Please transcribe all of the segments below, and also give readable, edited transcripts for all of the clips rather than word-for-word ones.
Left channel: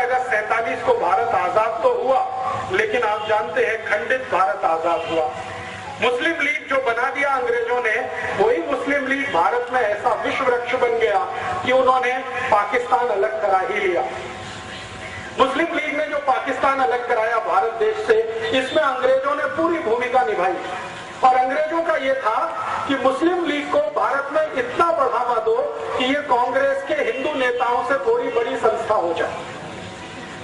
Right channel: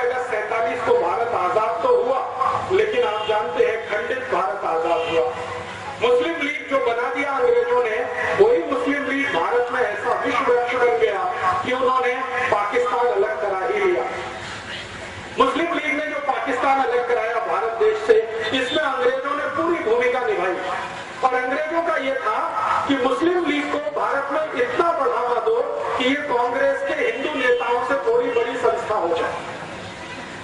अगस्त 47 को भारत आजाद तो हुआ, लेकिन आप जानते हैं खंडित भारत आजाद हुआ। मुस्लिम लीग जो बना दिया अंग्रेजों ने, वही मुस्लिम लीग भारत में ऐसा विश्व वृक्ष बन गया कि उन्होंने पाकिस्तान अलग करा ही लिया। मुस्लिम लीग ने जो पाकिस्तान अलग कराया भारत देश से, इसमें अंग्रेजों ने पूरी भूमिका निभाई। और अंग्रेजों का यह था कि मुस्लिम लीग को भारत में इतना बढ़ावा दो कि ये कांग्रेस के हिंदू नेताओं से थोड़ी बड़ी संस्था हो जाए।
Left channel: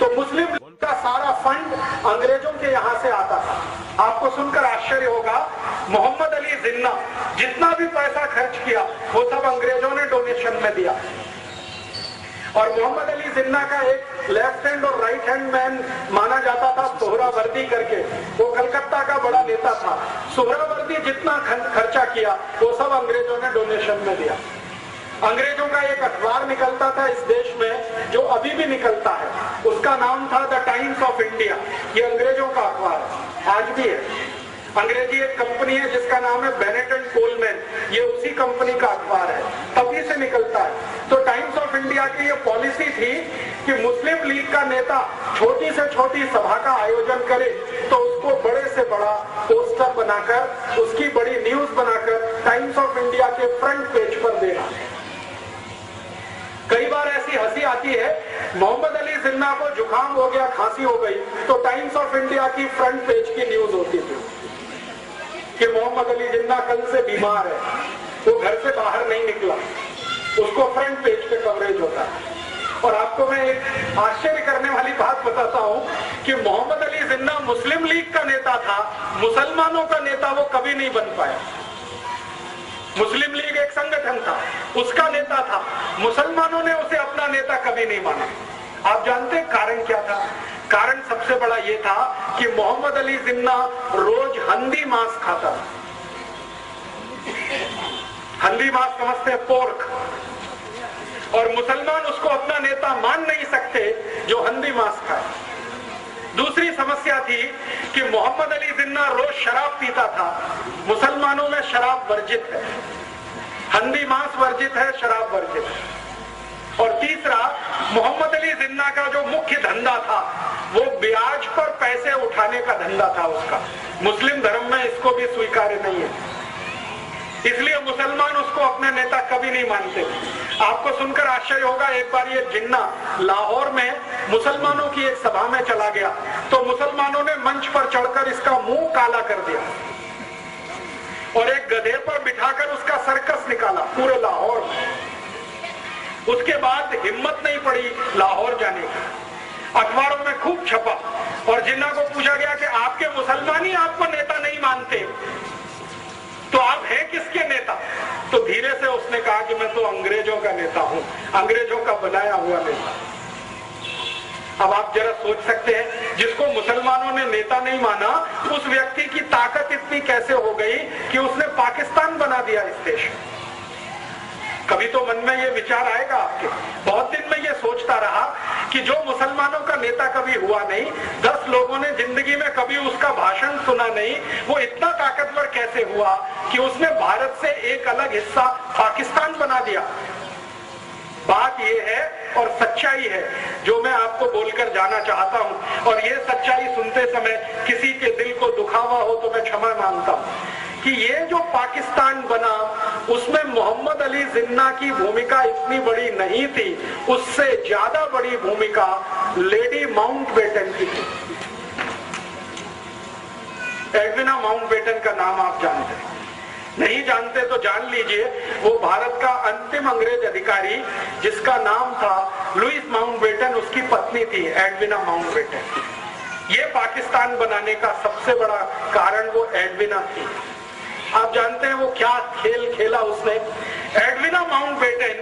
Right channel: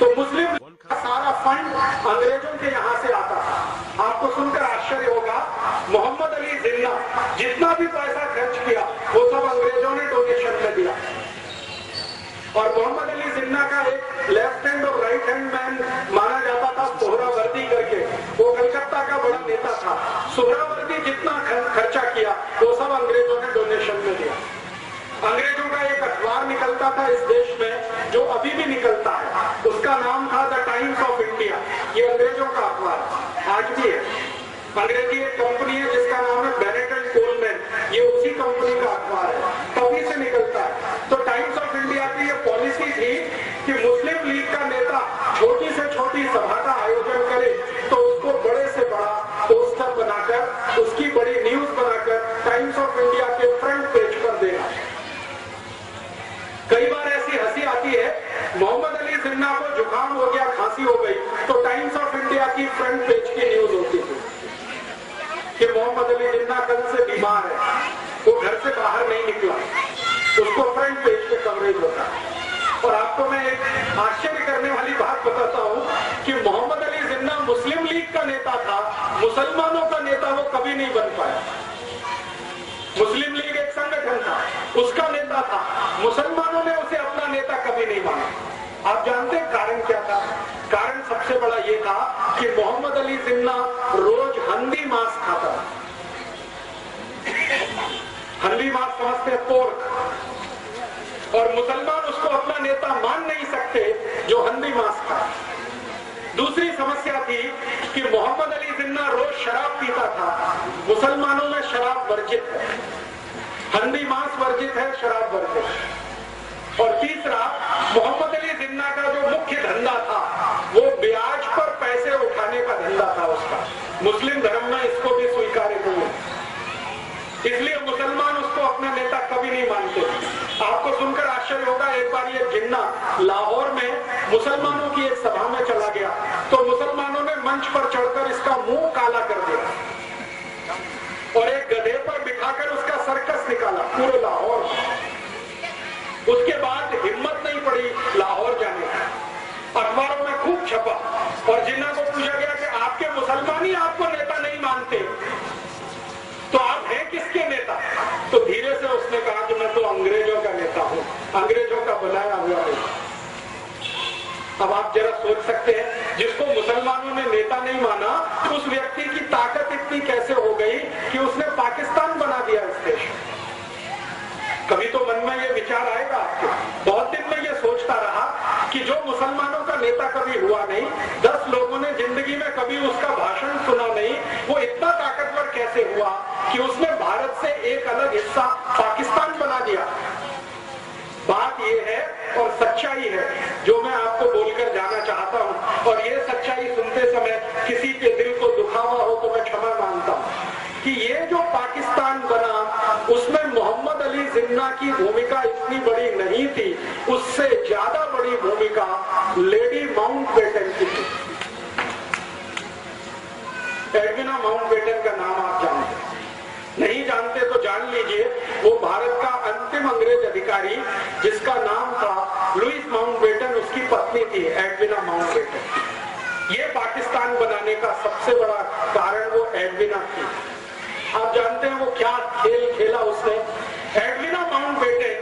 तो मुस्लिम लीग का सारा फंड अंग्रेजों के यहाँ से आता था। आपको सुनकर आश्चर्य होगा, मोहम्मद अली जिन्ना जितना भी पैसा खर्च किया वो सब अंग्रेजों ने डोनेशन में दिया। और मोहम्मद अली जिन्ना का एक लेफ्ट हैंड और राइट हैंड मैन माना जाता था सोहरावर्दी करके, वो कलकत्ता का बड़ा नेता था। सोहरावर्दी जितना खर्चा किया वो सब अंग्रेजों ने डोनेशन में दिया। अंग्रेजों का एक अखबार निकलता था इस देश में, जो अभी भी निकलता है, उसका नाम था द टाइम्स ऑफ इंडिया। ये अंग्रेजों का अखबार आज भी है। अंग्रेजी एक कंपनी है जिसका नाम है बेनेट एंड कोलमैन, ये उसी कंपनी का अखबार है, तभी से निकलता है। तो टाइम्स ऑफ इंडिया की ये पॉलिसी थी कि मुस्लिम लीग का नेता छोटी से छोटी सभा का आयोजन करे तो उसको बड़े से बड़ा पोस्टर बनाकर, उसकी बड़ी न्यूज बनाकर टाइम्स ऑफ इंडिया के फ्रंट पेज पर देना। कई बार ऐसी हंसी आती है, मोहम्मद अली जिन्ना को जुकाम हो गया, खांसी हो गई, तो टाइम्स ऑफ इंडिया की फ्रंट पेज की न्यूज होती थी कि मोहम्मद अली जिन्ना कल से बीमार है, वो घर से बाहर नहीं निकला, उसको फ्रंट पेज पे कवरेज होता है। और आपको मैं एक आश्चर्य करने वाली बात बताता हूं कि मोहम्मद अली जिन्ना मुस्लिम लीग का नेता था, मुसलमानों का नेता वो कभी नहीं बन पाया। मुस्लिम लीग एक संगठन था, उसका नेता था, मुसलमानों ने उसे अपना नेता कभी नहीं माना। आप जानते हैं कारण क्या था? कारण सबसे बड़ा ये था कि मोहम्मद अली जिन्ना रोज हंदी मांस खाता। हंदी मांस समझते हैं, पोर्क, और मुसलमान उसको अपना नेता मान नहीं सकते जो हंदी मांस खाए। दूसरी समस्या थी कि मोहम्मद अली जिन्ना रोज शराब पीता था। मुसलमानों में शराब वर्जित है, हंदी मांस वर्जित है, शराब वर्जित है। और तीसरा, मोहम्मद अली जिन्ना का जो मुख्य धंधा था वो ब्याज पर पैसे उठाने का धंधा था उसका। मुस्लिम धर्म में इसको भी स्वीकार्य नहीं है, इसलिए मुसलमान उसको अपने नेता कभी नहीं मानते। आपको सुनकर आश्चर्य होगा, एक बार ये जिन्ना लाहौर में मुसलमानों की एक सभा में चला गया तो मुसलमानों ने मंच पर चढ़कर इसका मुंह काला कर दिया और एक गधे पर बिठाकर उसका सर्कस निकाला पूरे लाहौर में। उसके बाद हिम्मत नहीं पड़ी लाहौर जाने की, अखबारों में खूब छपा और जिन्ना को पूछा गया कि आपके मुसलमान ही आपको नेता नहीं मानते तो आप हैं किसके नेता? तो धीरे से उसने कहा कि मैं तो अंग्रेजों का नेता हूं, अंग्रेजों का बनाया हुआ नेता। अब आप जरा सोच सकते हैं, जिसको मुसलमानों ने नेता नहीं माना, उस व्यक्ति की ताकत इतनी कैसे हो गई कि उसने पाकिस्तान बना दिया इस देश में। कभी तो मन में ये विचार आएगा आपके। बहुत दिन में ये सोचता रहा कि जो मुसलमानों का नेता कभी हुआ नहीं, 10 लोगों ने जिंदगी में कभी उसका भाषण सुना नहीं, वो इतना ताकतवर कैसे हुआ कि उसने भारत से एक अलग हिस्सा पाकिस्तान बना दिया। बात ये है और सच्चाई है जो मैं आपको बोलकर जाना चाहता हूं, और ये सच्चाई सुनते समय किसी के दिल को दुखावा हो तो मैं क्षमा मांगता हूं कि ये जो पाकिस्तान बना उसमें मोहम्मद अली जिन्ना की भूमिका इतनी बड़ी नहीं थी, उससे ज्यादा बड़ी भूमिका लेडी माउंटबेटन की थी। एडविना माउंटबेटन का नाम आप जानते हैं, नहीं जानते तो जान लीजिए। वो भारत का अंतिम अंग्रेज अधिकारी जिसका नाम था लुइस माउंटबेटन, उसकी पत्नी थी एडविना माउंटबेटन। ये पाकिस्तान बनाने का सबसे बड़ा कारण वो एडविना थी। आप जानते हैं वो क्या खेल खेला उसने? एडविना माउंटबेटन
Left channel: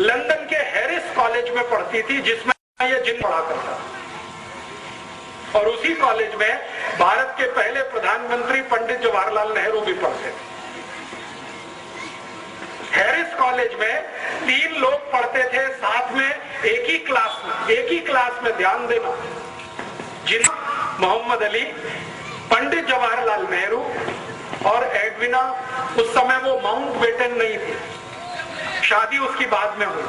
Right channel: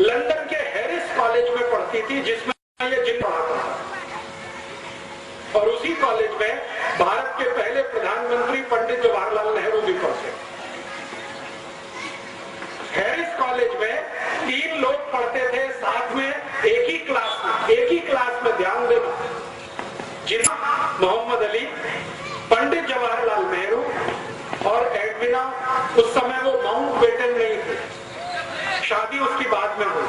लंदन के हैरिस कॉलेज में पढ़ती थी जिसमें ये जिन्न पढ़ा करता, और उसी कॉलेज में भारत के पहले प्रधानमंत्री पंडित जवाहरलाल नेहरू भी पढ़ते। हैरिस कॉलेज में 3 लोग पढ़ते थे साथ में एक ही क्लास में ध्यान देना, जिन्ना मोहम्मद अली, पंडित जवाहरलाल नेहरू और एडविना। उस समय वो माउंटबेटन नहीं थे, शादी उसकी बाद में हुई।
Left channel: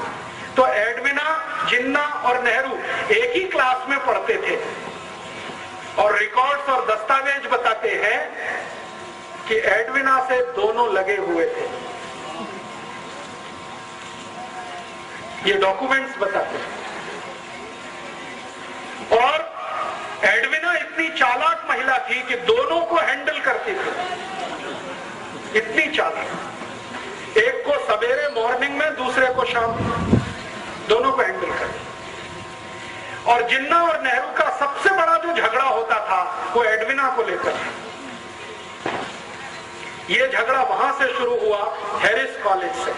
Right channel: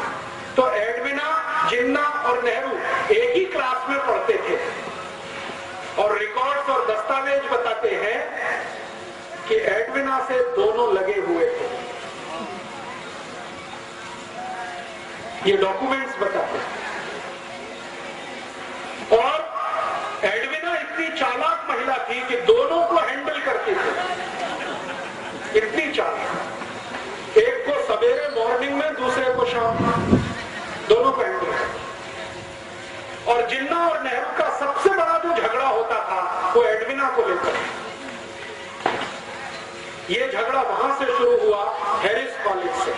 तो एडविना, जिन्ना और नेहरू एक ही क्लास में पढ़ते थे और रिकॉर्ड्स और दस्तावेज बताते हैं कि एडविना से दोनों लगे हुए थे। ये डॉक्यूमेंट्स बताते हैं। और एडविना इतनी चालाक महिला थी कि दोनों को हैंडल करती थी, इतनी चालाक। एक को सवेरे मॉर्निंग में, दूसरे को शाम में, दोनों को हैंडल करती। और जिन्ना और नेहरू का सबसे बड़ा जो झगड़ा होता था वो एडविना को लेकर। ये झगड़ा वहां से शुरू हुआ, हैरिस कॉलेज से।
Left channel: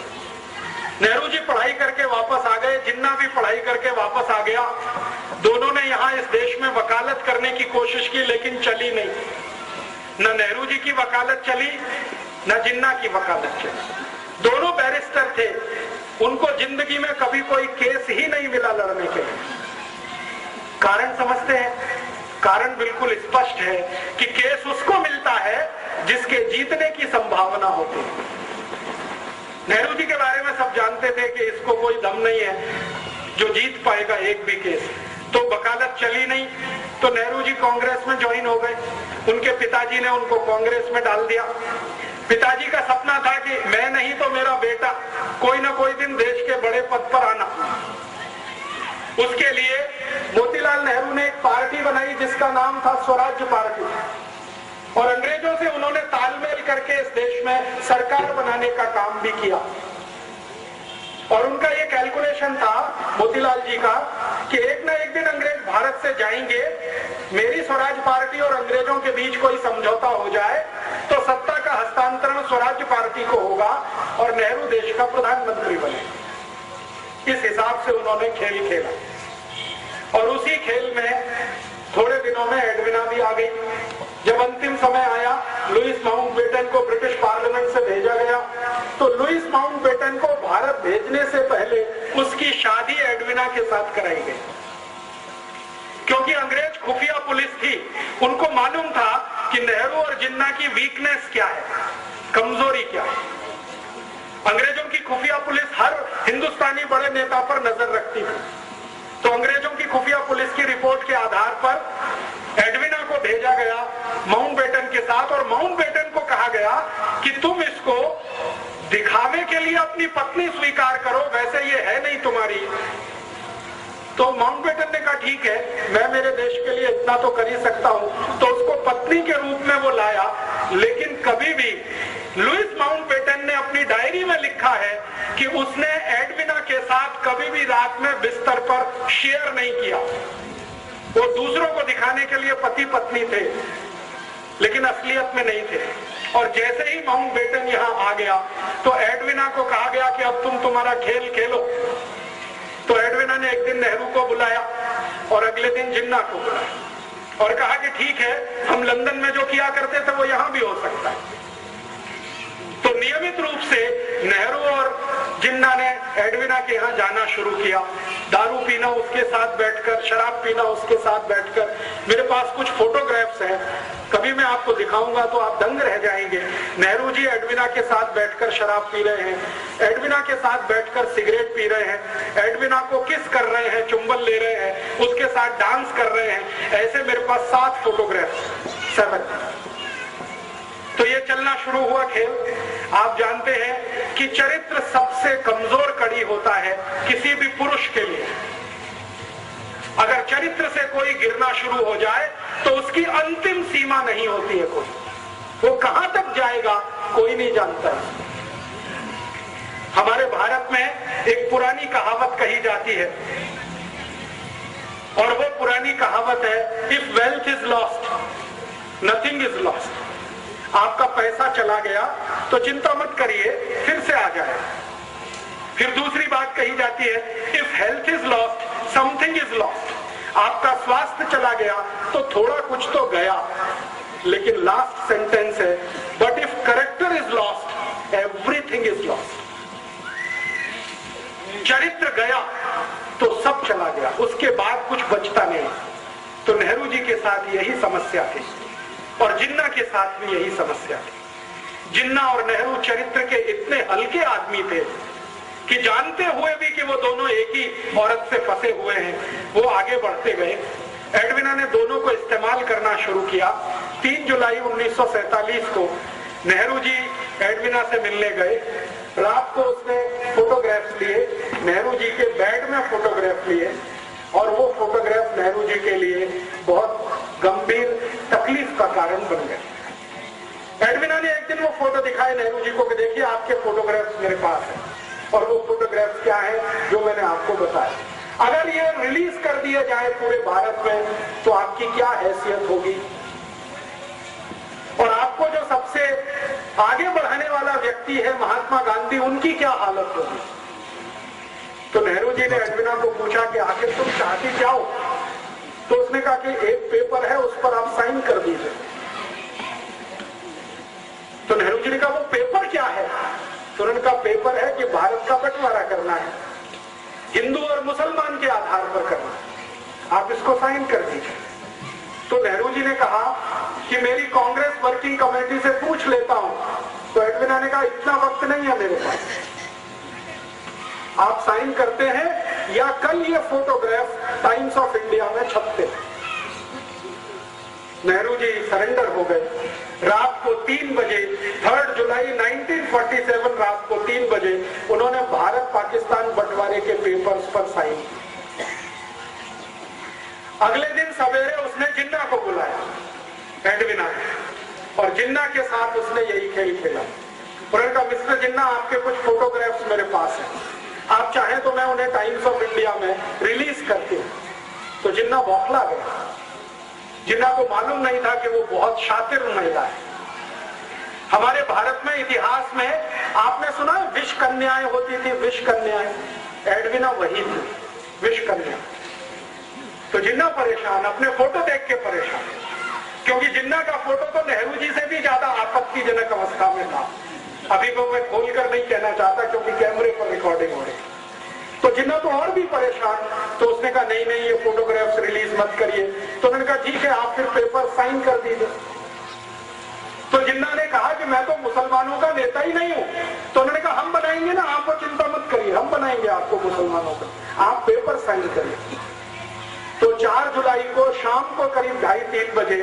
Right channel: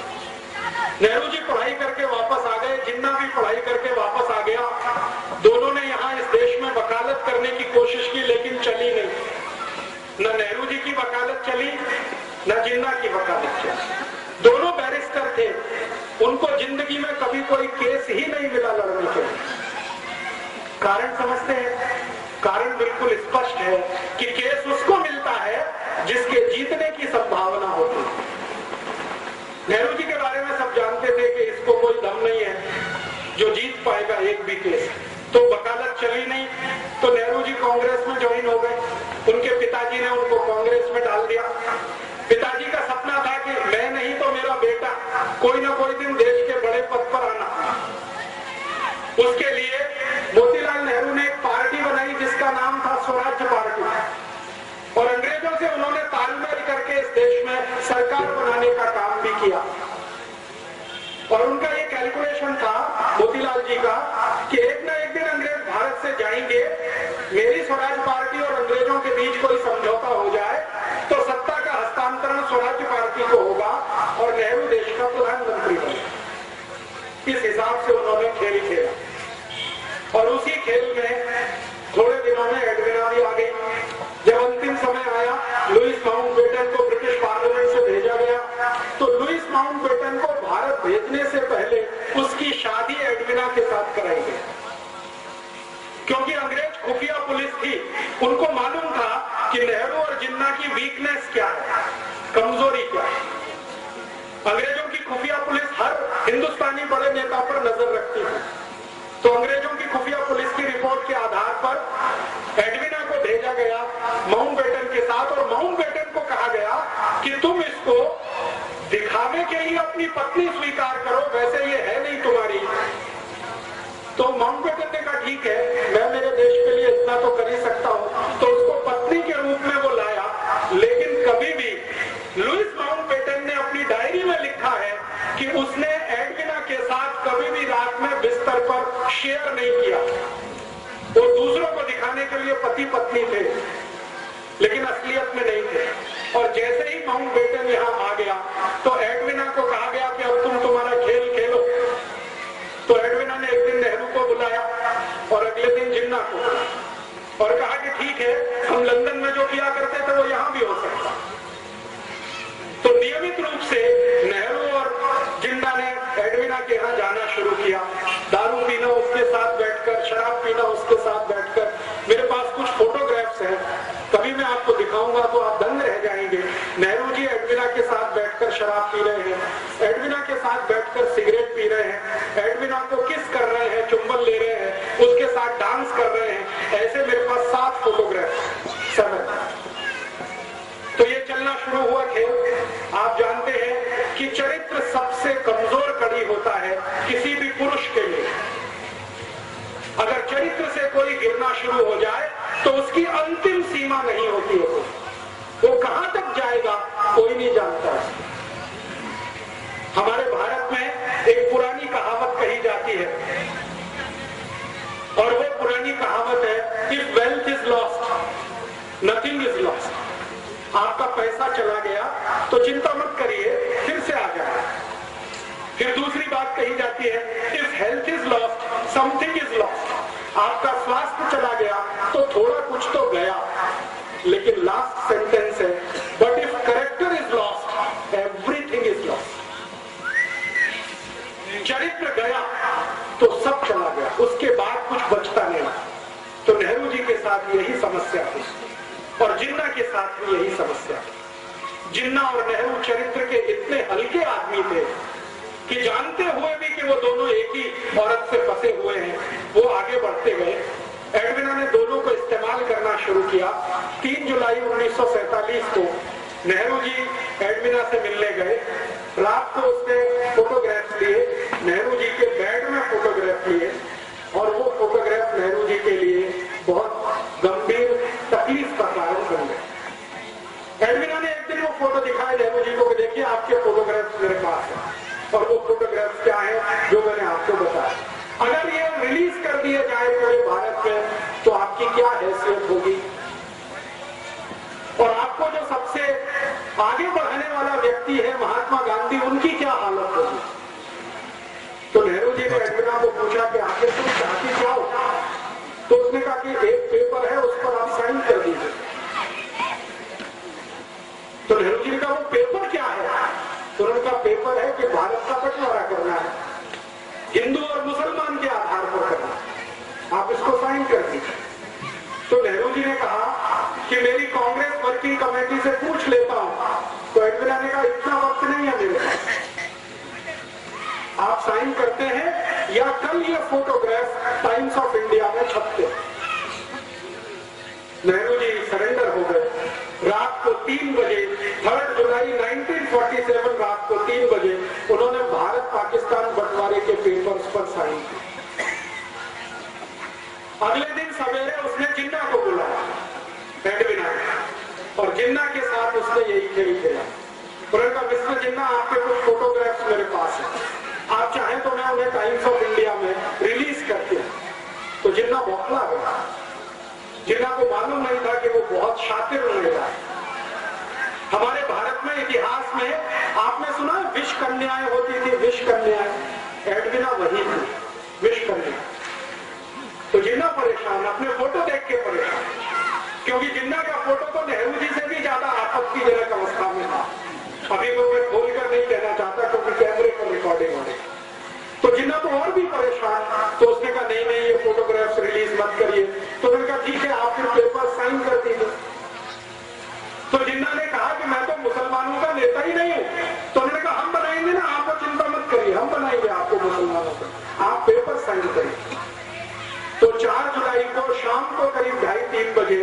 नेहरू जी पढ़ाई करके वापस आ गए, जिन्ना भी पढ़ाई करके वापस आ गया। दोनों ने यहाँ इस देश में वकालत करने की कोशिश की, लेकिन चली नहीं। न नेहरू जी की वकालत चली, न जिन्ना की वकालत चली। दोनों बैरिस्टर थे, उनको जिंदगी में कभी कोई केस ही नहीं मिला लड़ने के लिए। कारण समझते हैं? कारण बिल्कुल स्पष्ट है कि केस उसको मिलता है जिसके जीतने की संभावना होती है। नेहरू जी के बारे में सब जानते थे कि इसको कोई दम नहीं है जो जीत पाएगा एक भी केस। तो वकालत चली नहीं, तो नेहरू जी कांग्रेस में ज्वाइन हो गए। उनके पिताजी ने उनको कांग्रेस में डाल दिया। पिताजी का सपना था कि मैं नहीं तो मेरा बेटा कोई ना कोई दिन देश के बड़े पद पर आना। उसके लिए मोतीलाल नेहरू ने एक पार्टी बनाई जिसका नाम था स्वराज्य पार्टी, और अंग्रेजों से उन्होंने तालमेल करके इस देश में सरकार बनाने का काम भी किया। और उनका ये कैलकुलेशन था मोतीलाल जी का कि एक ना एक दिन अंग्रेज भारत से जाएंगे, मेरी स्वराज पार्टी और अंग्रेजों के बीच कोई समझौता हो जाए तो सत्ता का हस्तांतरण स्वराज्य पार्टी को होगा और नेहरू देश का प्रधानमंत्री बने। इस हिसाब से उन्होंने खेल खेला और उसी खेल में थोड़े दिनों में एडविना भी आ गई। जब अंतिम समय आया, लुईस माउंटबेटन को ब्रिटिश पार्लियामेंट से भेजा गया, तो लुईस माउंटबेटन को भारत भेजने से पहले उसकी शादी एडविना के साथ कराई गई। क्योंकि अंग्रेज खुफिया पुलिस थी, उनको मालूम था कि नेहरू और जिन्ना की वीकनेस क्या है, कमजोरी क्या है। अंग्रेजों की खुफिया पुलिस हर हिंदुस्तानी बड़े नेता पर नजर रखती थी। तो अंग्रेजों की खुफिया पुलिस की रिपोर्ट के आधार पर एडविना को भेजा गया माउंटबेटन के साथ, और माउंटबेटन को कहा गया कि तुम इसको दिखावे के लिए अपनी पत्नी स्वीकार करो, वैसे ये है नहीं तुम्हारी। तो माउंटबेटन ने कहा ठीक है, मैं मेरे देश के लिए इतना तो कर ही सकता हूं। तो उसको पत्नी के रूप में वो लाया। लेकिन कभी भी लुईस माउंटबेटन ने अपनी डायरी में लिखा है कि उसने एडविना के साथ कभी भी रात में बिस्तर पर शेयर नहीं किया। वो दूसरों को दिखाने के लिए पति पत्नी थे, लेकिन असलियत में नहीं थे। और जैसे ही माउंटबेटन यहाँ आ गया तो एडविना को कहा गया कि अब तुम तुम्हारा खेल खेलो। तो एडविना ने एक दिन नेहरू को बुलाया और अगले दिन जिन्ना को बुलाया और कहा कि ठीक है, हम लंदन में जो किया करते थे वो यहाँ भी हो सकता। तो नियमित रूप से नेहरू और जिन्ना ने एडविना के यहाँ जाना शुरू किया, दारू पीना उसके साथ बैठकर, शराब पीना उसके साथ बैठकर। मेरे पास कुछ फोटोग्राफ्स हैं, कभी मैं आपको दिखाऊंगा तो आप दंग रह जाएंगे। नेहरू जी एडविना के साथ बैठकर शराब पी रहे हैं, एडविना के साथ बैठकर सिगरेट पी रहे हैं, एडविना को किस कर रहे हैं, चुंबन ले रहे हैं, उसके साथ डांस कर रहे हैं। ऐसे मेरे पास 7 फोटोग्राफ्स, 7। तो ये चलना शुरू हुआ खेल। आप जानते हैं कि चरित्र सबसे कमजोर कड़ी होता है किसी भी पुरुष के लिए। अगर चरित्र से कोई गिरना शुरू हो जाए तो उसकी अंतिम सीमा नहीं होती है। वो कहां तक जाएगा कोई नहीं जानता। हमारे भारत में एक पुरानी कहावत कही जाती है, और वो पुरानी कहावत है, if wealth is lost nothing is lost. आपका पैसा चला गया तो चिंता मत करिए, फिर से आ जाए। फिर दूसरी बात कही जाती है, if health is lost something is lost. आपका स्वास्थ्य चला गया तो थोड़ा कुछ तो गया। लेकिन लास्ट सेंटेंस है, but if character is lost everything is lost. चरित्र गया तो सब चला गया, उसके बाद कुछ बचता नहीं। तो नेहरू जी के साथ यही समस्या थी और जिन्ना के साथ भी यही समस्या थी। जिन्ना और नेहरू चरित्र के इतने हल्के आदमी थे कि जानते हुए भी कि वो दोनों एक ही औरत से फंसे हुए हैं, वो आगे बढ़ते गए। एडविना ने दोनों को इस्तेमाल करना शुरू किया। 3 जुलाई 1947 को नेहरू जी एडविना से मिलने गए। रात को उसने फोटोग्राफ लिए, नेहरू जी के बेड में फोटोग्राफ लिए, और वो फोटोग्राफ नेहरू जी के लिए बहुत गंभीर तकलीफ का कारण बन गए। एडविना ने एक दिन वो फोटो दिखाए नेहरू जी को कि देखिए आपके फोटोग्राफ्स मेरे पास है, और वो फोटोग्राफ्स क्या है जो मैंने आपको बताया। अगर ये रिलीज कर दिया जाए पूरे भारत में तो आपकी क्या हैसियत होगी, और आपको जो सबसे आगे बढ़ाने वाला व्यक्ति है महात्मा गांधी, उनकी क्या हालत होगी। तो नेहरू जी ने एडविना को पूछा कि आखिर तुम चाहती क्या हो। तो उसने कहा कि एक पेपर है, उस पर आप साइन कर दीजिए। तो नेहरू जी ने कहा वो पेपर क्या है। तो उनका पेपर है कि भारत का बंटवारा करना है, हिंदू और मुसलमान के आधार पर करना, आप इसको साइन कर दीजिए। तो नेहरू जी ने कहा कि मेरी कांग्रेस वर्किंग कमेटी से पूछ लेता हूं। तो एडविना ने कहा इतना वक्त नहीं है मेरे पास, आप साइन करते हैं या कल ये फोटोग्राफ टाइम्स ऑफ इंडिया में छपते। नेहरू जी सरेंडर हो गए। रात को 3 बजे 3 जुलाई 1947 रात को 3 बजे उन्होंने भारत पाकिस्तान बंटवारे के पेपर्स पर साइन किए। अगले दिन सवेरे उसने जिन्ना को बुलाया एडविना, और जिन्ना के साथ उसने यही खेल खेला। उन्होंने कहा मिस्टर जिन्ना आपके कुछ फोटोग्राफ्स मेरे पास हैं, आप चाहें तो मैं उन्हें टाइम्स ऑफ इंडिया में रिलीज करती हूँ। तो जिन्ना बौखला गया। जिन्ना को मालूम नहीं था कि वो बहुत शातिर महिला है। हमारे भारत में इतिहास में आपने सुना विष कन्याएं होती थी, विष कन्याएं, एडविना वही थी, विष कन्या। तो जिन्ना परेशान, अपने फोटो देख के परेशान, क्योंकि जिन्ना का फोटो तो नेहरू जी से भी ज्यादा आपत्तिजनक अवस्था में था। अभी को मैं खोलकर नहीं कहना चाहता क्योंकि कैमरे पर रिकॉर्डिंग हो रही। तो जिन्ना तो और भी परेशान। तो उसने कहा नहीं नहीं ये फोटोग्राफ्स रिलीज मत करिए। तो उन्होंने कहा ठीक है आप फिर पेपर साइन कर दीजिए। तो जिन्ना ने कहा कि मैं तो मुसलमानों का नेता ही नहीं हूं। तो उन्होंने कहा हम बनाएंगे ना, आपको चिंता मत करिए, हम बनाएंगे आपको मुसलमानों का, आप पेपर साइन करिए। तो 4 जुलाई को शाम को करीब 2:30-3 बजे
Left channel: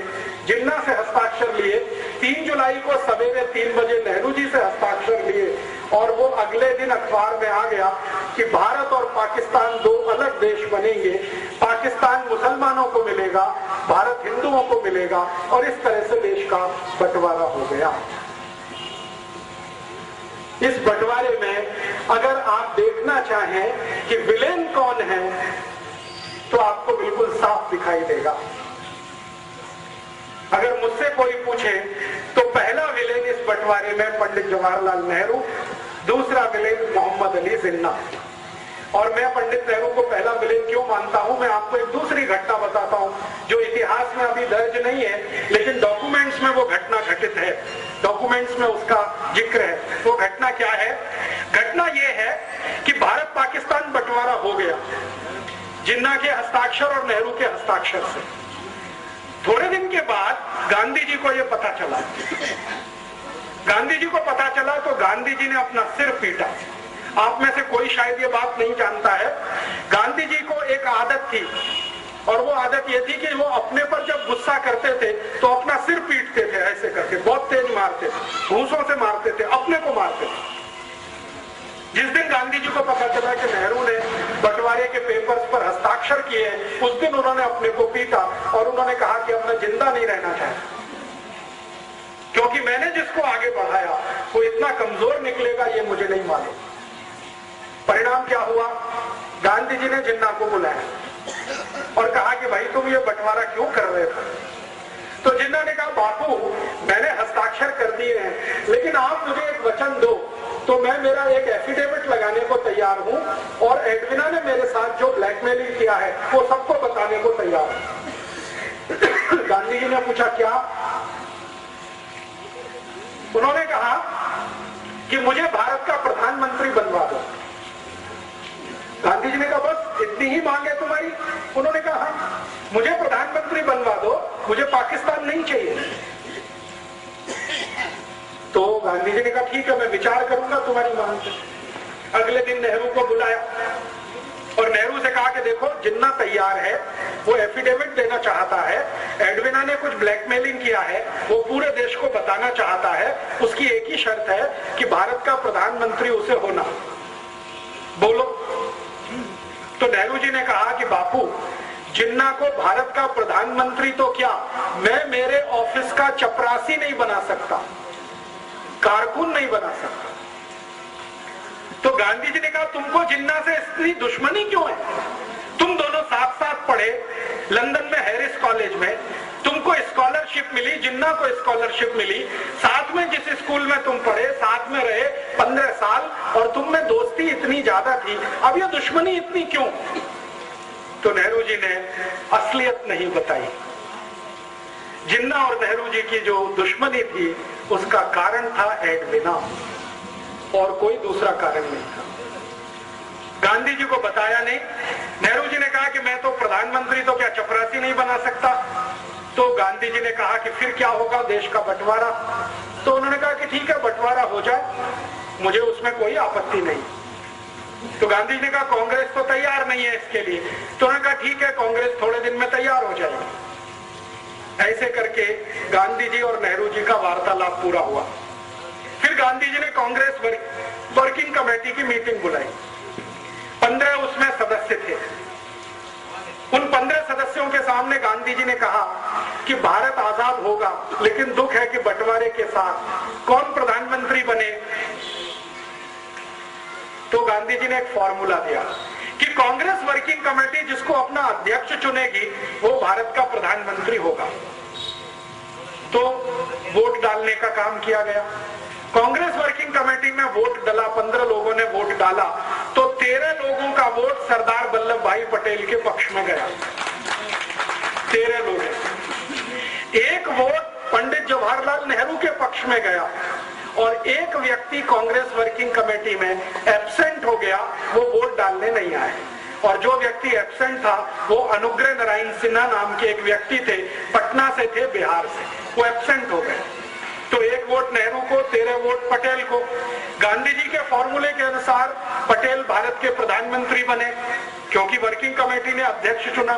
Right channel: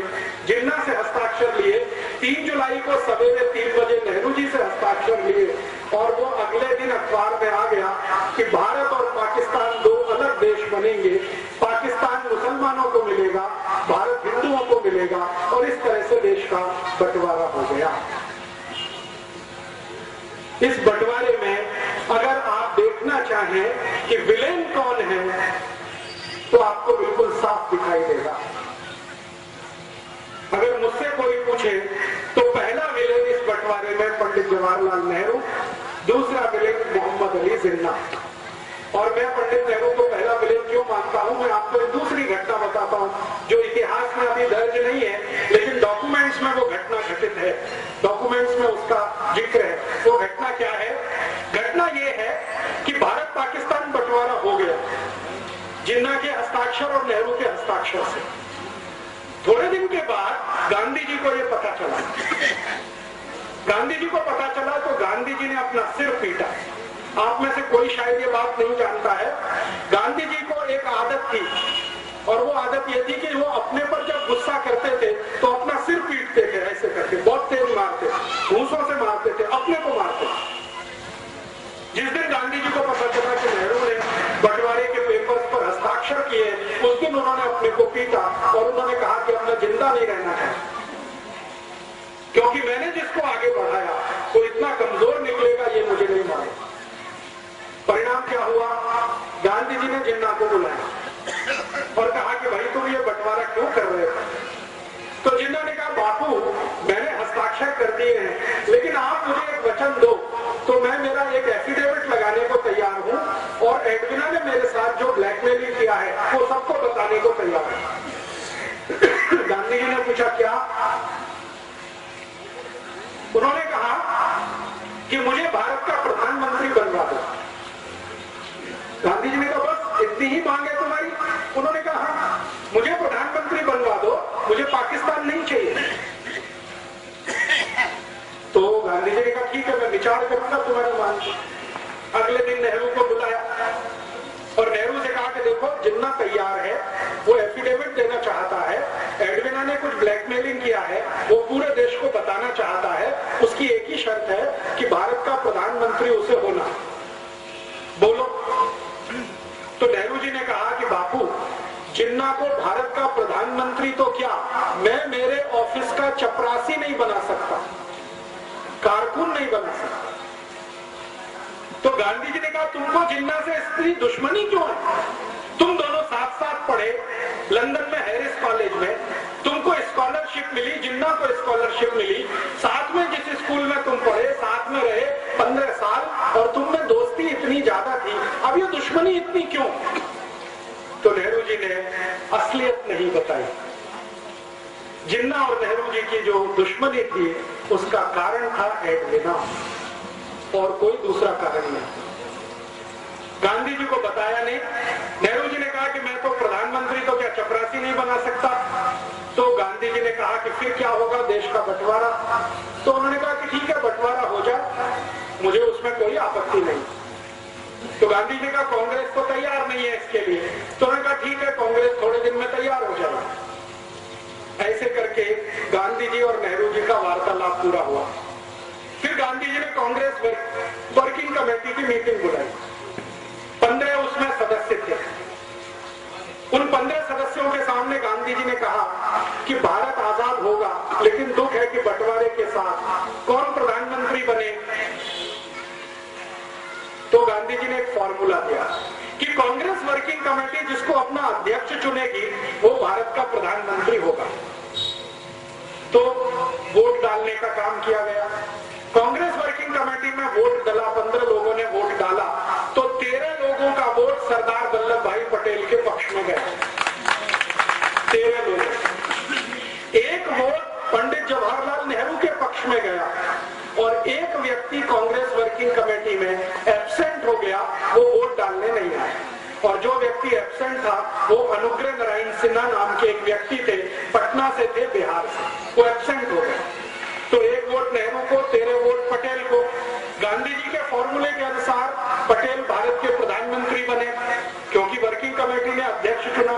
जिन्ना से हस्ताक्षर लिए, 3 जुलाई को सवेरे 3 बजे नेहरू जी से हस्ताक्षर लिए, और वो अगले दिन अखबार में आ गया कि भारत और पाकिस्तान 2 अलग देश बनेंगे, पाकिस्तान मुसलमानों को मिलेगा, भारत हिंदुओं को मिलेगा, और इस तरह से देश का बंटवारा हो गया। इस बंटवारे में अगर आप देखना चाहें कि विलेन कौन है तो आपको बिल्कुल साफ दिखाई देगा। अगर मुझसे कोई पूछे तो पहला विलेन इस बंटवारे में पंडित जवाहरलाल नेहरू, दूसरा विलेन मोहम्मद अली जिन्ना। और मैं पंडित नेहरू को पहला विलेन क्यों मानता हूं, मैं आपको एक दूसरी घटना बताता हूं जो इतिहास में अभी दर्ज नहीं है, लेकिन डॉक्यूमेंट्स में वो घटना घटित है, डॉक्यूमेंट्स में उसका जिक्र है। वो घटना क्या है? घटना ये है कि भारत पाकिस्तान बंटवारा हो गया जिन्ना के हस्ताक्षर और नेहरू के हस्ताक्षर से। थोड़े दिन के बाद गांधी जी को यह पता चला। गांधी जी को पता चला तो गांधी जी ने अपना सिर पीटा। आप में से कोई शायद ये बात नहीं जानता है, गांधी जी को एक आदत थी, और वो आदत ये थी कि वो अपने पर जब गुस्सा करते थे तो अपना सिर पीटते थे, ऐसे करके बहुत तेज मारते थे, घूंसों से मारते थे, अपने को मारते थे। जिस दिन गांधी जी को पता चला कि नेहरू ने बंटवारे के पेपर्स पर हस्ताक्षर किए, उस दिन उन्होंने अपने को पीटा और उन्होंने कहा कि अब मैं जिंदा नहीं रहना चाहता, क्योंकि मैंने जिसको आगे बढ़ाया वो इतना कमजोर निकलेगा ये मुझे नहीं मालूम। परिणाम क्या हुआ? गांधी जी ने जिन्ना को बुलाया और कहा कि भाई तुम ये बंटवारा क्यों कर रहे थे? तो जिन्ना ने कहा बापू मैंने हस्ताक्षर कर दिए हैं, लेकिन आप मुझे एक वचन दो तो मैं मेरा एक एफिडेविट लगाने को तैयार हूं, और एडविना ने मेरे साथ जो ब्लैकमेलिंग किया है वो सबको बताने को तैयार हूं। गांधी जी ने पूछा क्या? उन्होंने कहा कि मुझे भारत का प्रधानमंत्री बनवा दो। गांधी जी ने कहा बस इतनी ही मांग है तुम्हारी? उन्होंने कहा हाँ, मुझे प्रधानमंत्री बनवा दो, मुझे पाकिस्तान नहीं चाहिए। तो गांधी जी ने कहा ठीक है मैं विचार करूंगा तुम्हारी मांग। अगले दिन नेहरू को बुलाया और नेहरू से कहा कि देखो जिन्ना तैयार है, वो एफिडेविट देना चाहता है, एडविना ने कुछ ब्लैकमेलिंग किया है, वो पूरे देश को बताना चाहता है, उसकी एक ही शर्त है कि भारत का प्रधानमंत्री उसे होना। बोलो। तो नेहरू जी ने कहा कि बापू, जिन्ना को भारत का प्रधानमंत्री तो क्या, मैं मेरे ऑफिस का चपरासी नहीं बना सकता, कारकुन नहीं बना सकता। तो गांधी जी ने कहा तुमको जिन्ना से इतनी दुश्मनी क्यों है? तुम दोनों साथ साथ पढ़े लंदन में हैरिस कॉलेज में, तुमको स्कॉलरशिप मिली, जिन्ना को स्कॉलरशिप मिली, साथ में जिस स्कूल में तुम पढ़े, साथ में रहे 15 साल, और तुम में दोस्ती इतनी ज्यादा थी, अब ये दुश्मनी इतनी क्यों? तो नेहरू जी ने असलियत नहीं बताई। जिन्ना और नेहरू जी की जो दुश्मनी थी उसका कारण था एडविना, और कोई दूसरा कारण नहीं। गांधी जी को बताया नहीं। नेहरू जी ने कहा कि मैं तो प्रधानमंत्री तो क्या चपरासी नहीं बना सकता। तो गांधी जी ने कहा कि फिर क्या होगा, देश का बंटवारा। तो उन्होंने कहा कि ठीक है, बंटवारा हो जाए, मुझे उसमें कोई आपत्ति नहीं। तो गांधी जी ने कहा कांग्रेस तो तैयार नहीं है इसके लिए। तो उन्होंने कहा ठीक है, कांग्रेस थोड़े दिन में तैयार हो जाएगी। ऐसे करके गांधी जी और नेहरू जी का वार्तालाप पूरा हुआ। फिर गांधी जी ने कांग्रेस वर्किंग कमेटी की मीटिंग बुलाई। 15 उसमें सदस्य थे। उन 15 सदस्यों के सामने गांधी जी ने कहा कि भारत आजाद होगा, लेकिन दुख है कि बंटवारे के साथ कौन प्रधानमंत्री बने। तो गांधी जी ने एक फॉर्मूला दिया कि कांग्रेस वर्किंग कमेटी जिसको अपना अध्यक्ष चुनेगी वो भारत का प्रधानमंत्री होगा। तो वोट डालने का काम किया गया। कांग्रेस वर्किंग कमेटी में वोट डाला, 15 लोगों ने वोट डाला, तो 13 लोगों का वोट सरदार वल्लभ भाई पटेल के पक्ष में गया। 13 लोग। एक वोट पंडित जवाहरलाल नेहरू के पक्ष में गया और एक व्यक्ति कांग्रेस वर्किंग कमेटी में एब्सेंट हो गया, वो वोट डालने नहीं आया। और जो व्यक्ति एब्सेंट था वो अनुग्रह नारायण सिन्हा नाम के एक व्यक्ति थे, पटना से थे, बिहार से, वो एब्सेंट हो गए। तो एक वोट नेहरू को, 13 वोट पटेल को। गांधी जी के फॉर्मूले के अनुसार पटेल भारत के प्रधानमंत्री बने, क्योंकि वर्किंग कमेटी ने अध्यक्ष चुना।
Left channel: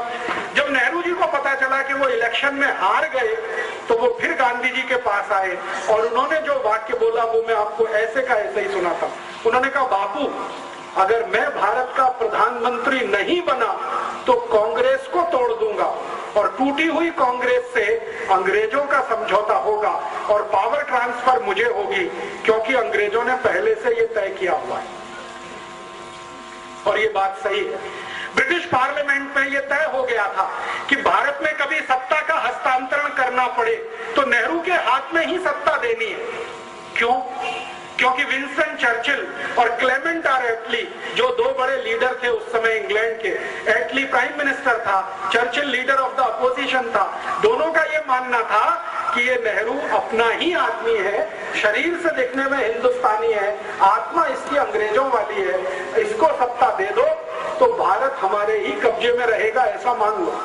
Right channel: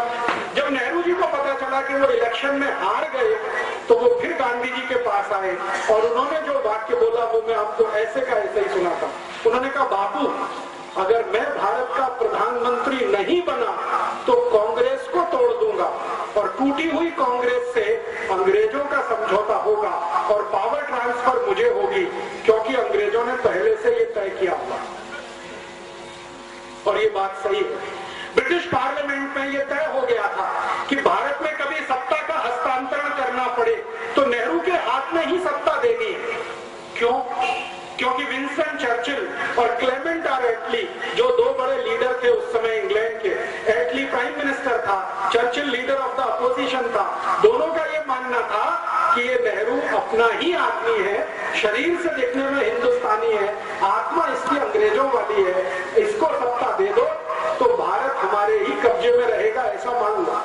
जब नेहरू जी को पता चला कि वो इलेक्शन में हार गए, तो वो फिर गांधी जी के पास आए और उन्होंने जो वाक्य बोला वो मैं आपको ऐसे का ऐसे ही सुनाता। उन्होंने कहा बापू, अगर मैं भारत का प्रधानमंत्री नहीं बना तो कांग्रेस को तोड़ दूंगा, और टूटी हुई कांग्रेस से अंग्रेजों का समझौता होगा और पावर ट्रांसफर मुझे होगी, क्योंकि अंग्रेजों ने पहले से ये तय किया हुआ। और ये बात सही है। ब्रिटिश पार्लियामेंट में ये तय हो गया था कि भारत में कभी सत्ता का हस्तांतरण करना पड़े तो नेहरू के हाथ में ही सत्ता देनी है। क्यों? क्योंकि विंस्टन चर्चिल और क्लेमेंट आर एटली, जो दो बड़े लीडर थे उस समय इंग्लैंड के, एटली प्राइम मिनिस्टर था, Churchill leader of the opposition था, दोनों का ये मानना था कि ये नेहरू अपना ही आदमी है, शरीर से देखने में हिंदुस्तानी है, आत्मा इसकी अंग्रेजों वाली है, इसको सत्ता दे दो तो भारत हमारे ही कब्जे में रहेगा, ऐसा मान लो।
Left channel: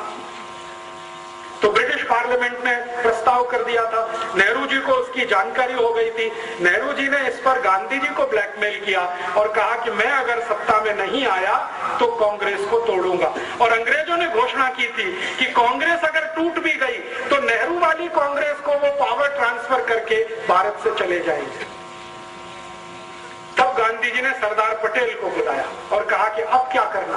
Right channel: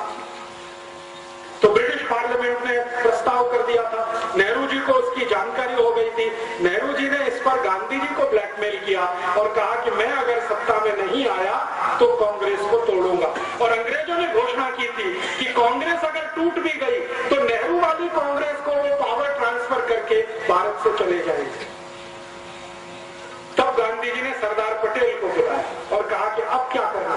तो ब्रिटिश पार्लियामेंट ने प्रस्ताव कर दिया था। नेहरू जी को उसकी जानकारी हो गई थी। नेहरू जी ने इस पर गांधी जी को ब्लैकमेल किया और कहा कि मैं अगर सत्ता में नहीं आया तो कांग्रेस को तोड़ूंगा। और अंग्रेजों ने घोषणा की थी कि कांग्रेस अगर टूट भी गई तो नेहरू वाली कांग्रेस को वो पावर ट्रांसफर करके भारत से चले जाएंगे। तब गांधी जी ने सरदार पटेल को बुलाया और कहा कि अब क्या करना।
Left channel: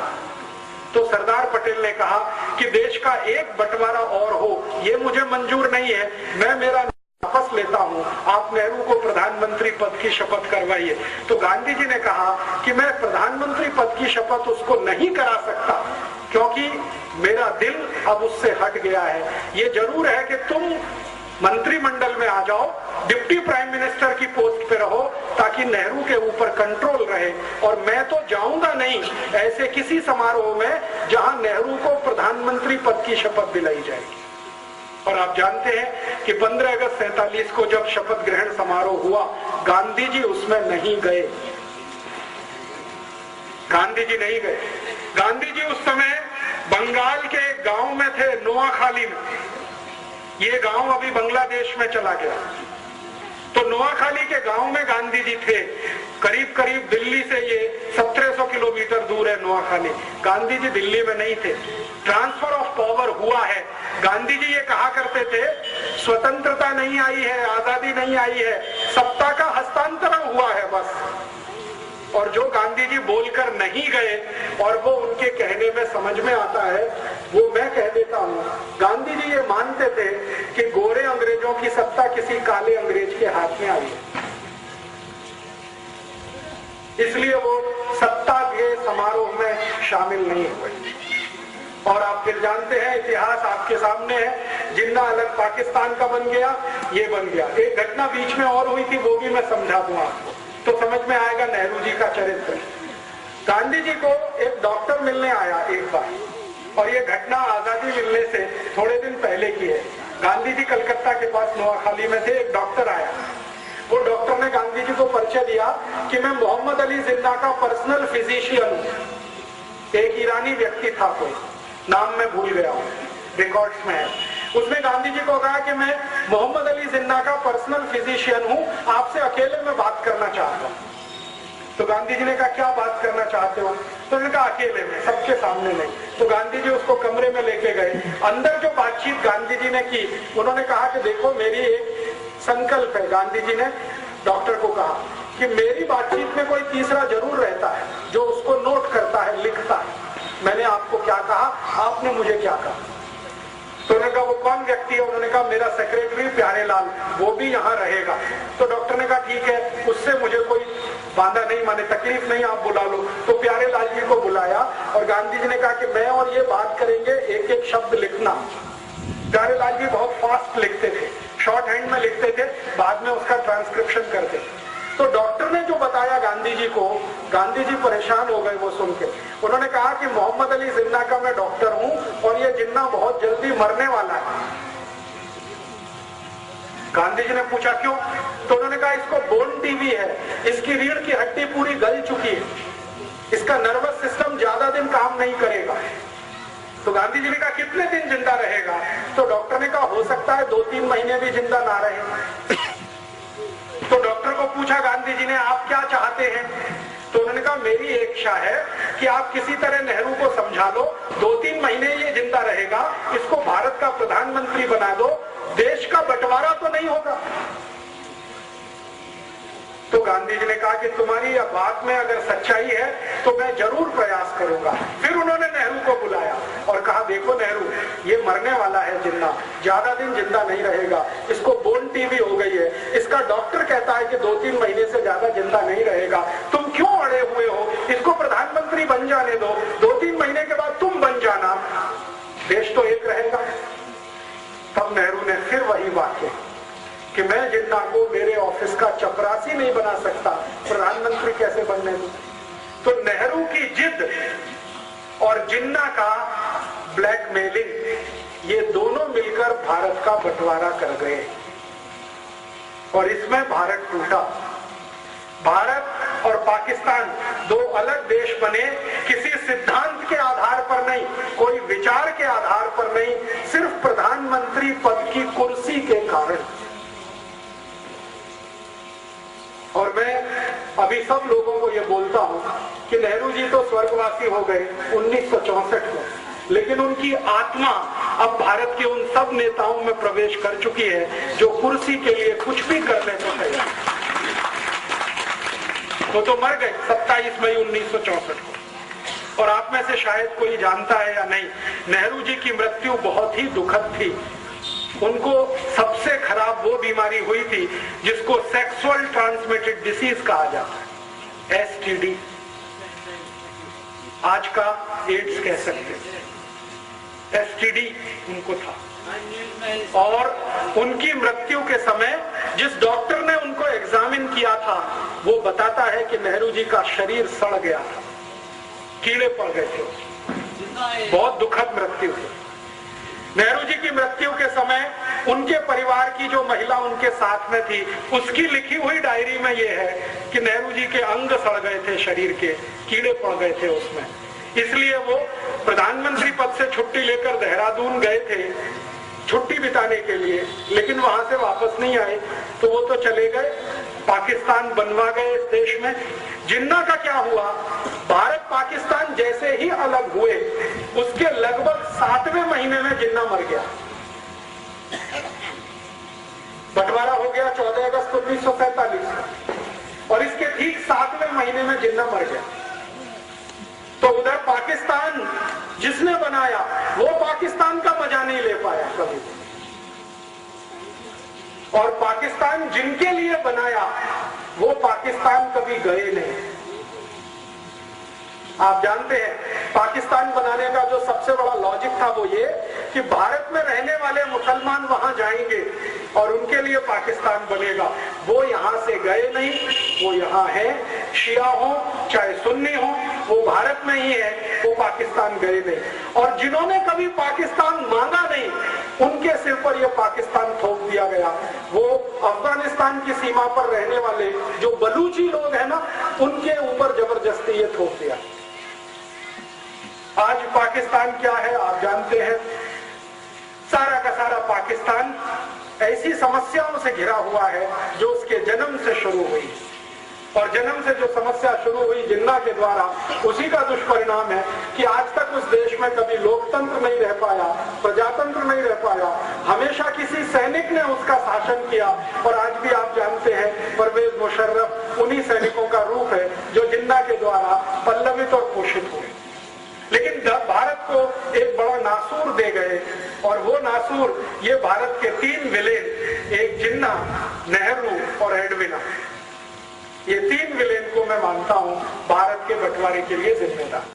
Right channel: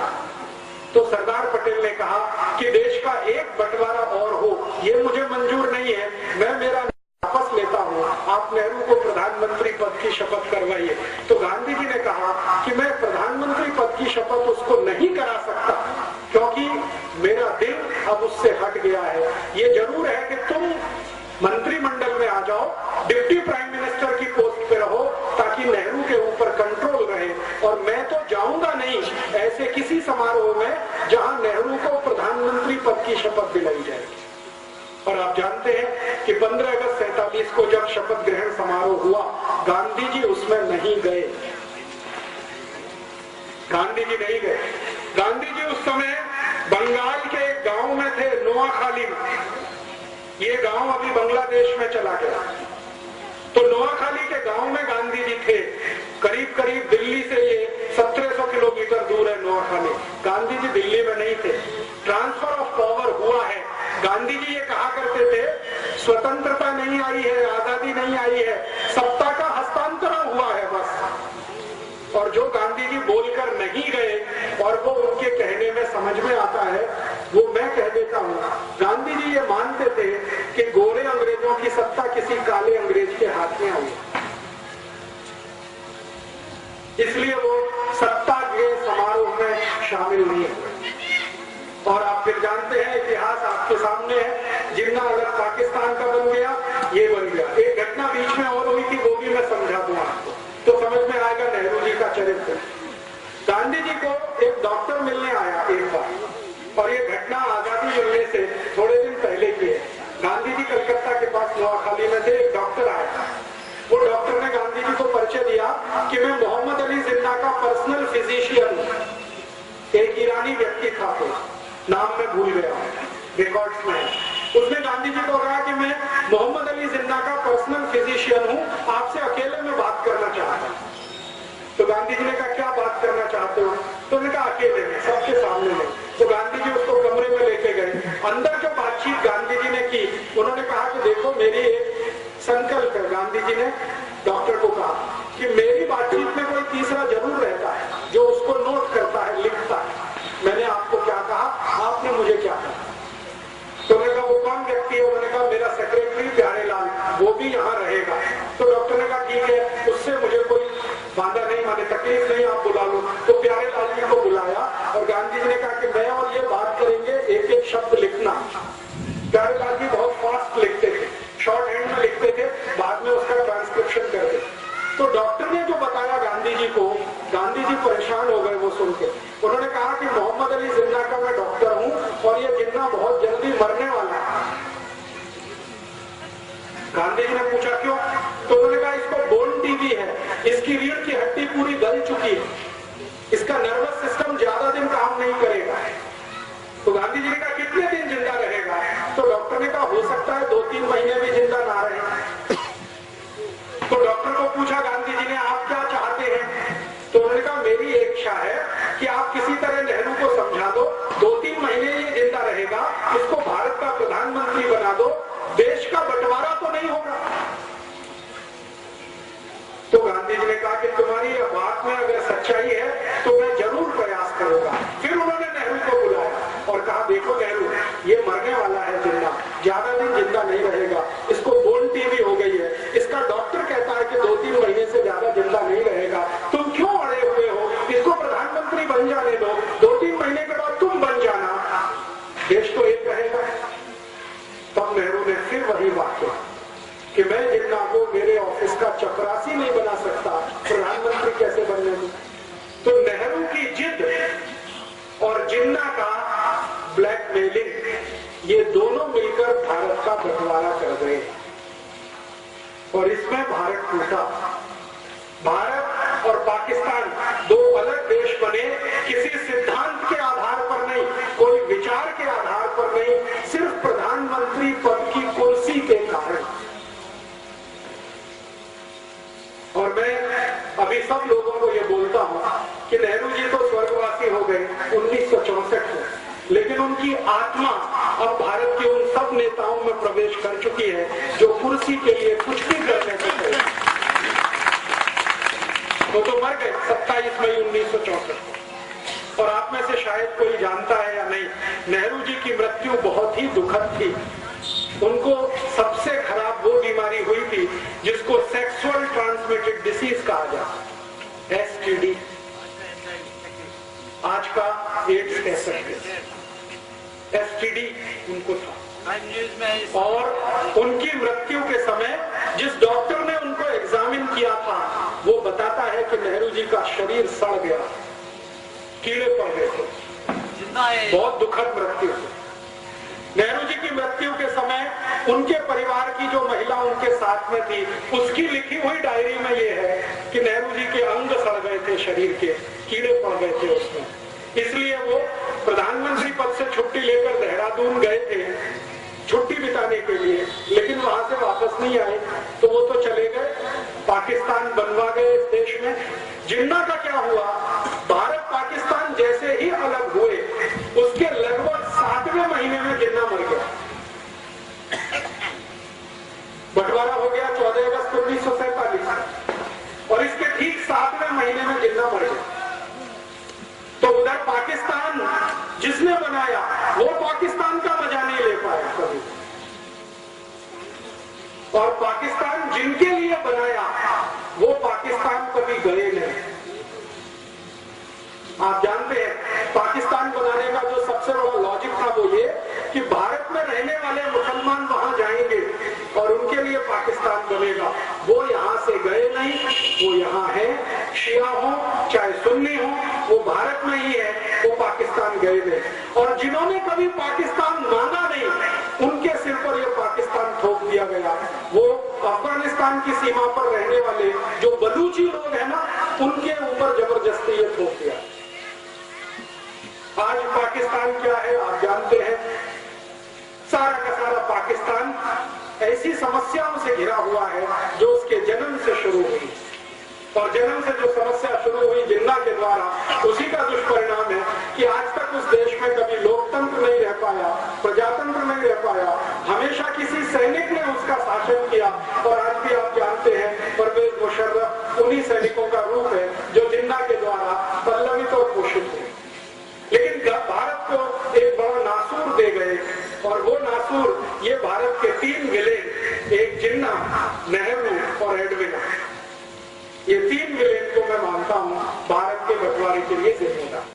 तो सरदार पटेल ने कहा कि देश का एक बंटवारा और हो, ये मुझे मंजूर नहीं है, मैं मेरा वापस लेता हूं, आप नेहरू को प्रधानमंत्री पद की शपथ करवाइए। तो गांधी जी ने कहा कि मैं प्रधानमंत्री पद की शपथ उसको नहीं करा सकता, क्योंकि मेरा दिल अब उससे हट गया है। ये जरूर है कि तुम मंत्रिमंडल में आ जाओ, डिप्टी प्राइम मिनिस्टर की पोस्ट पे रहो, ताकि नेहरू के ऊपर कंट्रोल रहे, और मैं तो जाऊंगा नहीं ऐसे किसी समारोह में जहां नेहरू को प्रधानमंत्री पद की शपथ दिलाई जाएगी। और आप जानते हैं कि 15 अगस्त 47 को जब शपथ ग्रहण समारोह हुआ, गांधी जी उसमें नहीं गए। गांधी जी नहीं गए। गांधी जी उस समय बंगाल के एक गांव में थे, नोआखाली में। ये गांव अभी बांग्लादेश में चला गया। तो नोआखाली के गांव में गांधी जी थे, करीब करीब दिल्ली से ये 1700 किलोमीटर दूर है नोआखाली। गांधी जी दिल्ली में नहीं थे, ट्रांसफर ऑफ पावर हुआ है। गांधी जी ये कहा करते थे, स्वतंत्रता नहीं आई है, आजादी नहीं आई है, सत्ता का हस्तांतरण हुआ है बस। और जो गांधी जी बोलकर नहीं गए और वो उनके कहने में समझ में आता है, वो मैं कह देता हूँ। गांधी जी ये मानते थे कि गोरे अंग्रेजों की सत्ता किसी काले अंग्रेज के हाथ में आई है, इसलिए वो सत्ता के समारोह में शामिल नहीं हुए। और आप फिर जानते हैं, इतिहास आपके सामने है, जिन्ना अलग पाकिस्तान का बन गया, ये बन गया। एक घटना बीच में और हुई थी, वो भी मैं समझा दूं आपको तो समझ में आएगा नेहरू जी का चरित्र। गांधी जी को एक डॉक्टर मिलने आया एक बार, और ये घटना आजादी मिलने से थोड़े दिन पहले की है। गांधी जी कलकत्ता के पास नोआखाली में थे, एक डॉक्टर आया। वो डॉक्टर ने गांधी जी को परिचय दिया कि मैं मोहम्मद अली जिन्ना का पर्सनल फिजिशियन हूं। एक ईरानी व्यक्ति था, कोई नाम मैं भूल गया, रिकॉर्ड्स में है। उसने गांधी जी को कहा कि मैं मोहम्मद अली जिन्ना का पर्सनल फिजिशियन हूं, आपसे अकेले में बात करना चाहता हूं। तो गांधी जी ने कहा क्या बात करना चाहते हो? तो उन्होंने कहा अकेले में, सबके सामने नहीं। तो गांधी जी उसको कमरे में लेके गए। अंदर जो बातचीत गांधी जी ने की, उन्होंने कहा कि देखो मेरी एक संकल्प है। गांधी जी ने डॉक्टर को कहा कि मेरी बातचीत में कोई तीसरा जरूर रहता है जो उसको नोट करता है, लिखता है। मैंने आपको क्या कहा, आपने मुझे क्या कहा? तो उन्होंने कहा वो कौन व्यक्ति है? उन्होंने कहा मेरा सेक्रेटरी प्यारे लाल, वो भी यहाँ रहेगा। तो डॉक्टर ने कहा ठीक है, उससे मुझे कोई बांधा नहीं, माने तकलीफ नहीं, आप बुला लो। तो प्यारे लाल जी को बुलाया और गांधी जी ने कहा कि मैं और ये बात करेंगे, एक एक शब्द लिखना। प्यारे लाल जी बहुत फास्ट लिखते थे, शॉर्ट हैंड में लिखते थे, बाद में उसका ट्रांसक्रिप्शन करते। तो डॉक्टर ने जो बताया गांधी जी को, गांधी जी परेशान हो गए वो सुन के। उन्होंने कहा कि मोहम्मद अली जिन्ना का मैं डॉक्टर हूं और ये जिन्ना बहुत जल्दी मरने वाला है। गांधी जी ने पूछा क्यों? तो उन्होंने कहा इसको बोन टीबी है, इसकी रीढ़ की हड्डी पूरी गल चुकी है, इसका नर्वस सिस्टम ज्यादा दिन काम नहीं करेगा। तो गांधी जी ने कहा कितने दिन जिंदा रहेगा? तो डॉक्टर ने कहा हो सकता है 2-3 महीने भी जिंदा ना रहे। तो डॉक्टर को पूछा गांधी जी ने आप क्या चाहते हैं? तो उन्होंने कहा मेरी एक इच्छा है कि आप किसी तरह नेहरू को समझा दो, 2-3 महीने ये जिंदा रहेगा, इसको भारत का प्रधानमंत्री बना दो, देश का बंटवारा तो नहीं होगा। तो गांधी जी ने कहा कि तुम्हारी यह बात में अगर सच्चाई है तो मैं जरूर प्रयास करूंगा। फिर उन्होंने नेहरू को बुलाया और कहा देखो नेहरू, ये मरने वाला है जिन्ना, ज्यादा दिन जिंदा नहीं रहेगा, इसको बोन टीबी हो गई है, इसका डॉक्टर कहता है कि 2-3 महीने से ज्यादा जिंदा नहीं रहेगा, तुम क्यों अड़े हुए हो? इसको प्रधानमंत्री बन जाने दो, 2-3 महीने के बाद तुम बन जाना, देश तो एक रहेगा। तब नेहरू ने फिर वही बात कही कि मैं जिन्ना को मेरे ऑफिस का चपरासी नहीं बना सकता, प्रधानमंत्री कैसे बनने दूं? तो नेहरू की जिद और जिन्ना का ब्लैकमेलिंग, ये दोनों मिलकर भारत का बंटवारा कर गए और इसमें भारत टूटा। भारत और पाकिस्तान दो अलग देश बने, किसी सिद्धांत के आधार पर नहीं, कोई विचार के आधार पर नहीं, सिर्फ प्रधानमंत्री पद की कुर्सी के कारण। और मैं अभी सब लोगों को ये बोलता हूं कि नेहरू जी तो स्वर्गवासी हो गए 1964 में, लेकिन उनकी आत्मा अब भारत के उन सब नेताओं में प्रवेश कर चुकी है जो कुर्सी के लिए कुछ भी करने को तैयार। वो तो मर गए 27 मई 1964 को। और आप में से शायद कोई जानता है या नहीं, नेहरू जी की मृत्यु बहुत ही दुखद थी। उनको सबसे खराब वो बीमारी हुई थी जिसको सेक्सुअल ट्रांसमिटेड डिसीज कहा जाता है, STD, आज का एड्स कह सकते हैं। STD उनको था और उनकी मृत्यु के समय जिस डॉक्टर ने उनको एग्जामिन किया था वो बताता है कि नेहरू जी का शरीर सड़ गया, कीड़े पड़ गए थे। बहुत दुखद मृत्यु थी। नेहरू जी की मृत्यु के समय उनके परिवार की जो महिला उनके साथ में थी, उसकी लिखी हुई डायरी में ये है कि नेहरू जी के अंग सड़ गए थे, शरीर के कीड़े पड़ गए थे उसमें। इसलिए वो प्रधानमंत्री पद से छुट्टी लेकर देहरादून गए थे छुट्टी बिताने के लिए, लेकिन वहां से वापस नहीं आए, तो वो तो चले गए, पाकिस्तान बनवा गए इस देश में। जिन्ना का क्या हुआ, भारत पाकिस्तान जैसे ही अलग हुए उसके लगभग 7वें महीने में जिन्ना मर गया। बंटवारा हो गया 14 अगस्त 1947 और इसके ठीक 7वें महीने में जिन्ना मर गया। तो उधर पाकिस्तान जिसने बनाया वो पाकिस्तान का मजा नहीं ले पाया कभी, और पाकिस्तान जिनके लिए बनाया वो पाकिस्तान कभी गए नहीं। आप जानते हैं पाकिस्तान बनाने का जो सबसे बड़ा लॉजिक था वो ये कि भारत में रहने वाले मुसलमान वहां जाएंगे और उनके लिए पाकिस्तान बनेगा। वो यहां से गए नहीं, वो यहां है, शिया हो चाहे सुन्नी हो, वो भारत में ही है, वो पाकिस्तान गए नहीं। और जिन्होंने कभी पाकिस्तान मांगा नहीं उनके सिर पर यह पाकिस्तान थोप दिया गया। वो अफगानिस्तान की सीमा पर रहने वाले जो बलूची लोग हैं ना, उनके ऊपर जबरदस्ती ये थोप दिया। आज पाकिस्तान क्या है आप जानते हैं, सारा का सारा पाकिस्तान ऐसी समस्याओं से घिरा हुआ है जो उसके जन्म से शुरू हुई, और जन्म से जो समस्या शुरू हुई जिन्ना के द्वारा, उसी का दुष्परिणाम है कि आज तक उस देश में कभी लोकतंत्र नहीं रह पाया, प्रजातंत्र नहीं रह पाया, हमेशा किसी सैनिक ने उसका शासन किया। और आज भी आप जानते हैं परवेज मुशर्रफ उन्हीं सैनिकों का रूप है जो जिन्ना के द्वारा पल्लवित और पोषित हुए। लेकिन भारत को एक बड़ा नासूर दे गए, और वो नासूर ये भारत के 3 विलेन, एक जिन्ना, नेहरू और एडविना, ये 3 विलेन को मैं मानता हूं भारत के बंटवारे के लिए जिम्मेदार।